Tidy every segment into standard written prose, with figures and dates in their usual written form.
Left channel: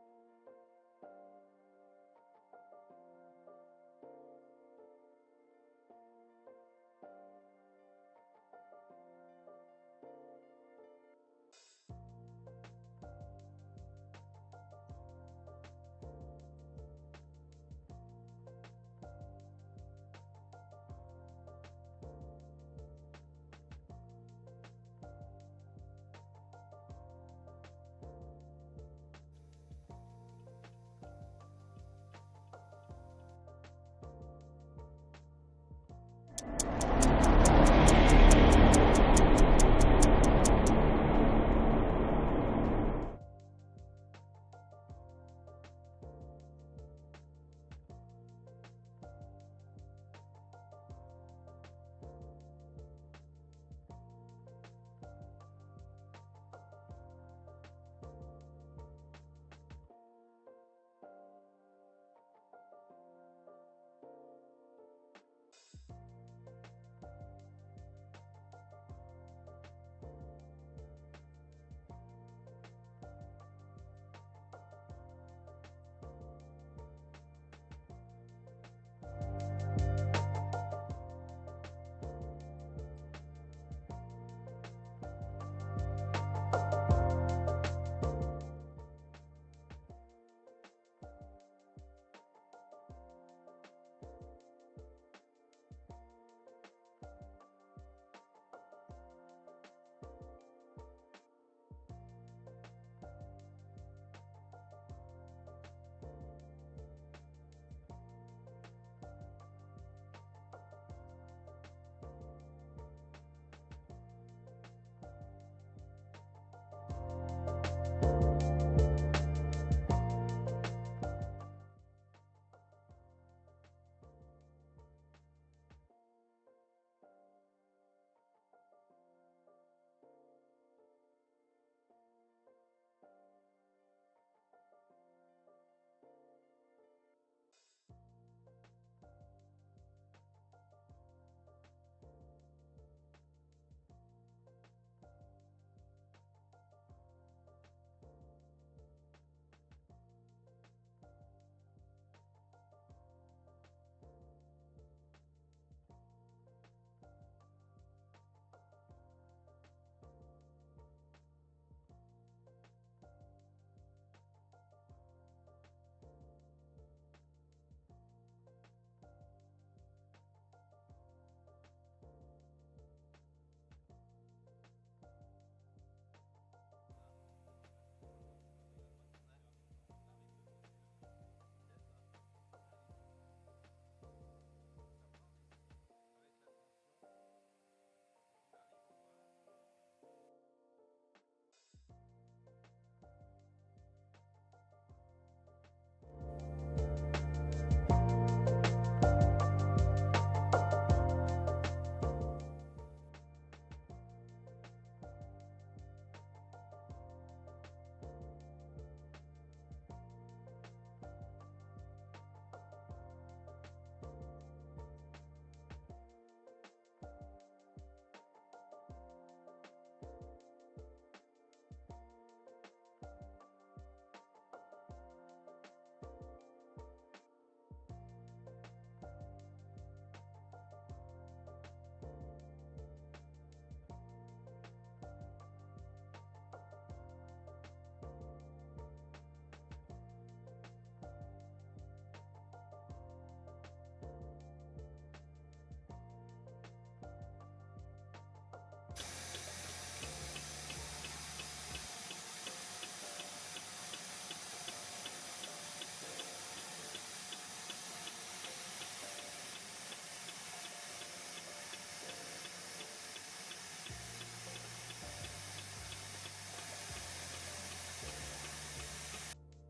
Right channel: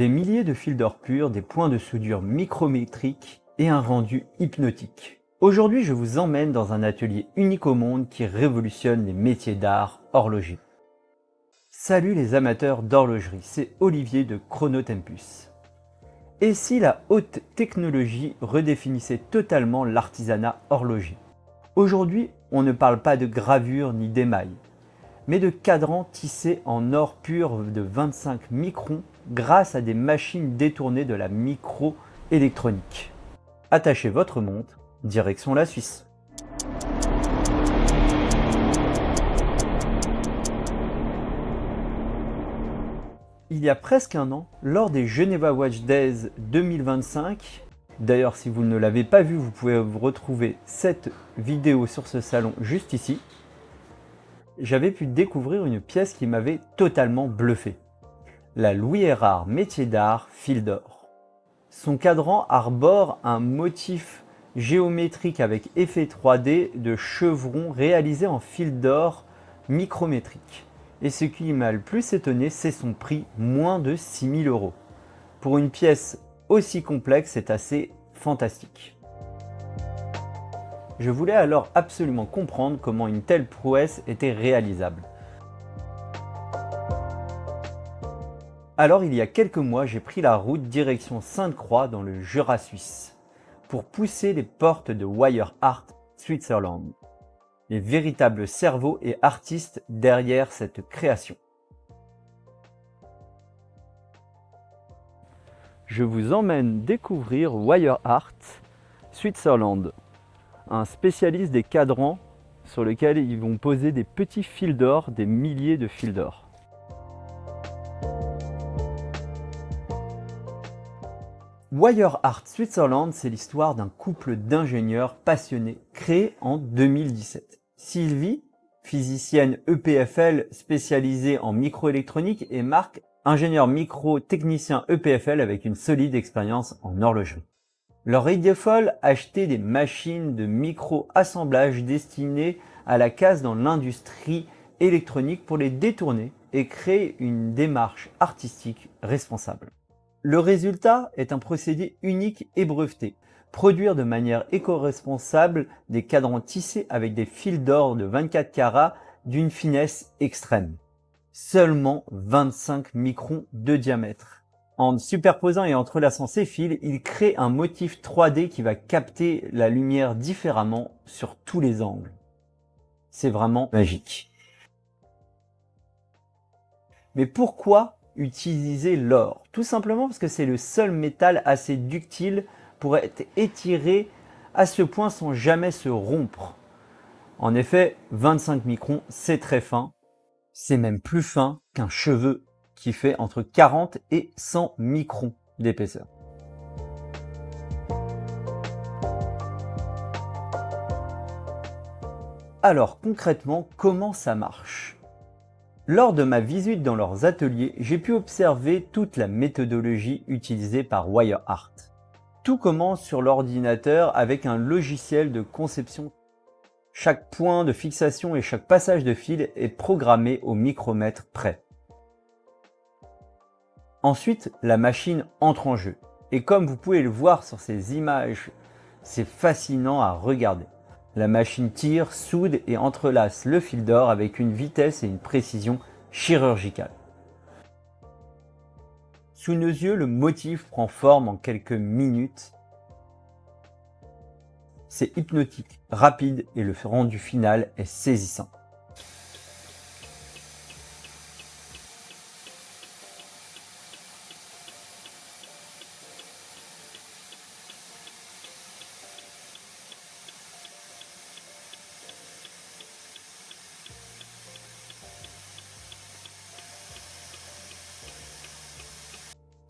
Des milliers de fils d'or pur, des points de soudure micrométriques et un rendu hypnotique. Aujourd'hui, je vous emmène dans un atelier unique au monde qui révolutionne les métiers d'art horloger. Salut les amateurs d'horlogerie, c'est Olivier de Chronotempus. Et si la haute technologie redéfinissait totalement l'artisanat horloger? Aujourd'hui, on ne parle pas de gravure ni d'émail, mais de cadrans tissés en or pur de 25 microns grâce à des machines détournées de la microélectronique. Attachez votre montre, direction la Suisse. Il y a presque un an, lors des Geneva Watch Days 2025, d'ailleurs si vous ne l'avez pas vu, vous pouvez retrouver cette vidéo sur ce salon juste ici, j'avais pu découvrir une pièce qui m'avait totalement bluffé. La Louis Erard métier d'art fil d'or. Son cadran arbore un motif géométrique avec effet 3D de chevron réalisé en fil d'or micrométrique. Et ce qui m'a le plus étonné, c'est son prix, moins de 6 000 €. Pour une pièce aussi complexe, c'est assez fantastique. Je voulais alors absolument comprendre comment une telle prouesse était réalisable. Alors il y a quelques mois, j'ai pris la route direction Sainte-Croix dans le Jura suisse pour pousser les portes de Wire Art Switzerland, les véritables cerveaux et artistes derrière cette création. Je vous emmène découvrir Wire Art Switzerland, un spécialiste des cadrans sur lequel ils vont poser des petits fils d'or, des milliers de fils d'or. Wire Art Switzerland, c'est l'histoire d'un couple d'ingénieurs passionnés créé en 2017. Sylvie, physicienne EPFL spécialisée en microélectronique, et Marc, ingénieur micro-technicien EPFL avec une solide expérience en horlogerie. Leur idée folle, acheter des machines de micro-assemblage destinées à la casse dans l'industrie électronique pour les détourner et créer une démarche artistique responsable. Le résultat est un procédé unique et breveté. Produire de manière éco-responsable des cadrans tissés avec des fils d'or de 24 carats d'une finesse extrême. Seulement 25 microns de diamètre. En superposant et entrelaçant ces fils, il crée un motif 3D qui va capter la lumière différemment sur tous les angles. C'est vraiment magique. Mais pourquoi utiliser l'or? Tout simplement parce que c'est le seul métal assez ductile pour être étiré à ce point sans jamais se rompre. En effet, 25 microns, c'est très fin. C'est même plus fin qu'un cheveu qui fait entre 40 et 100 microns d'épaisseur. Alors concrètement, comment ça marche? Lors de ma visite dans leurs ateliers, j'ai pu observer toute la méthodologie utilisée par Wire Art. Tout commence sur l'ordinateur avec un logiciel de conception. Chaque point de fixation et chaque passage de fil est programmé au micromètre près. Ensuite, la machine entre en jeu. Et comme vous pouvez le voir sur ces images, c'est fascinant à regarder. La machine tire, soude et entrelace le fil d'or avec une vitesse et une précision chirurgicale. Sous nos yeux, le motif prend forme en quelques minutes. C'est hypnotique, rapide et le rendu final est saisissant.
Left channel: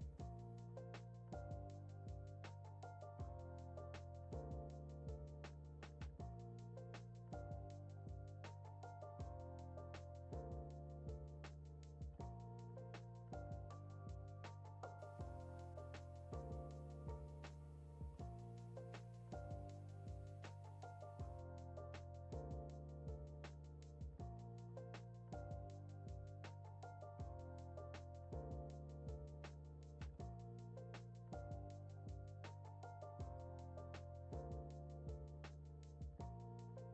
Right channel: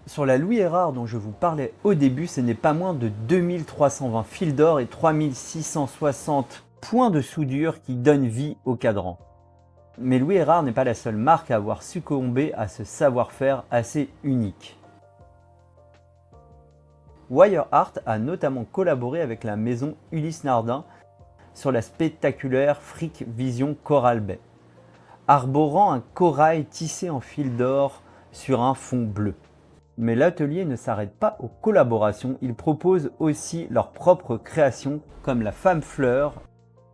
Sur la Louis Erard dont je vous parlais au début, ce n'est pas moins de 2320 fils d'or et 3660 points de soudure qui donnent vie au cadran. Mais Louis Erard n'est pas la seule marque à avoir succombé à ce savoir-faire assez unique. Wire Art a notamment collaboré avec la maison Ulysse Nardin sur la spectaculaire Frick Vision Coral Bay, arborant un corail tissé en fil d'or sur un fond bleu. Mais l'atelier ne s'arrête pas aux collaborations, ils proposent aussi leurs propres créations comme la femme fleur,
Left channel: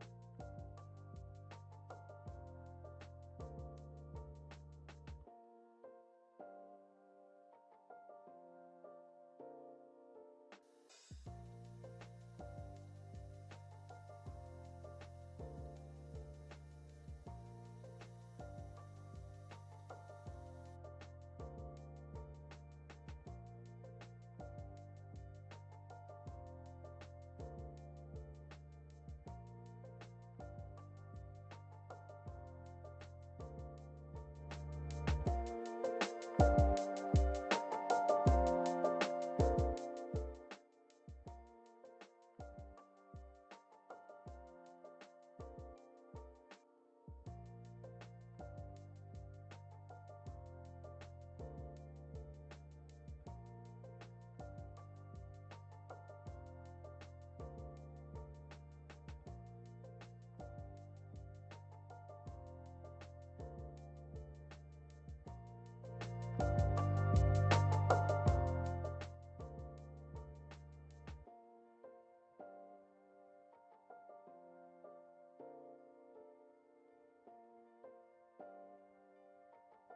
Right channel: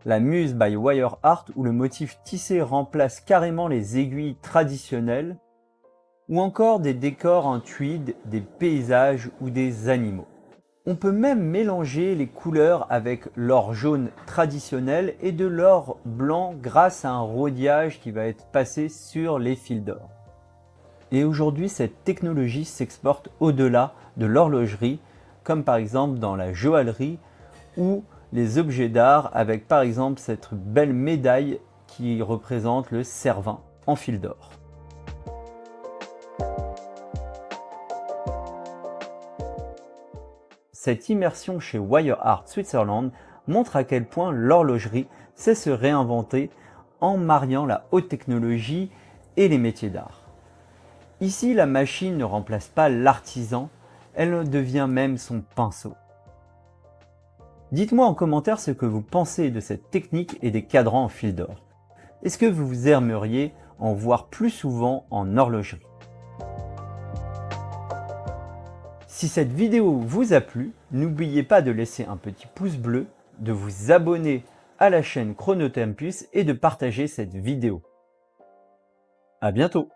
la muse by Wire Art où le motif tissé remplace carrément les aiguilles traditionnelles, ou encore des décors en tweed, des paysages ou des animaux. On peut même mélanger les couleurs avec l'or jaune traditionnel et de l'or blanc grâce à un rhodiage qui va être passé sur les fils d'or. Et aujourd'hui, cette technologie s'exporte au-delà de l'horlogerie, comme par exemple dans la joaillerie ou les objets d'art avec par exemple cette belle médaille qui représente le Cervin en fil d'or. Cette immersion chez Wire Art Switzerland montre à quel point l'horlogerie sait se réinventer en mariant la haute technologie et les métiers d'art. Ici, la machine ne remplace pas l'artisan, elle devient même son pinceau. Dites-moi en commentaire ce que vous pensez de cette technique et des cadrans en fil d'or. Est-ce que vous aimeriez en voir plus souvent en horlogerie? Si cette vidéo vous a plu, n'oubliez pas de laisser un petit pouce bleu, de vous abonner à la chaîne Chronotempus et de partager cette vidéo. À bientôt!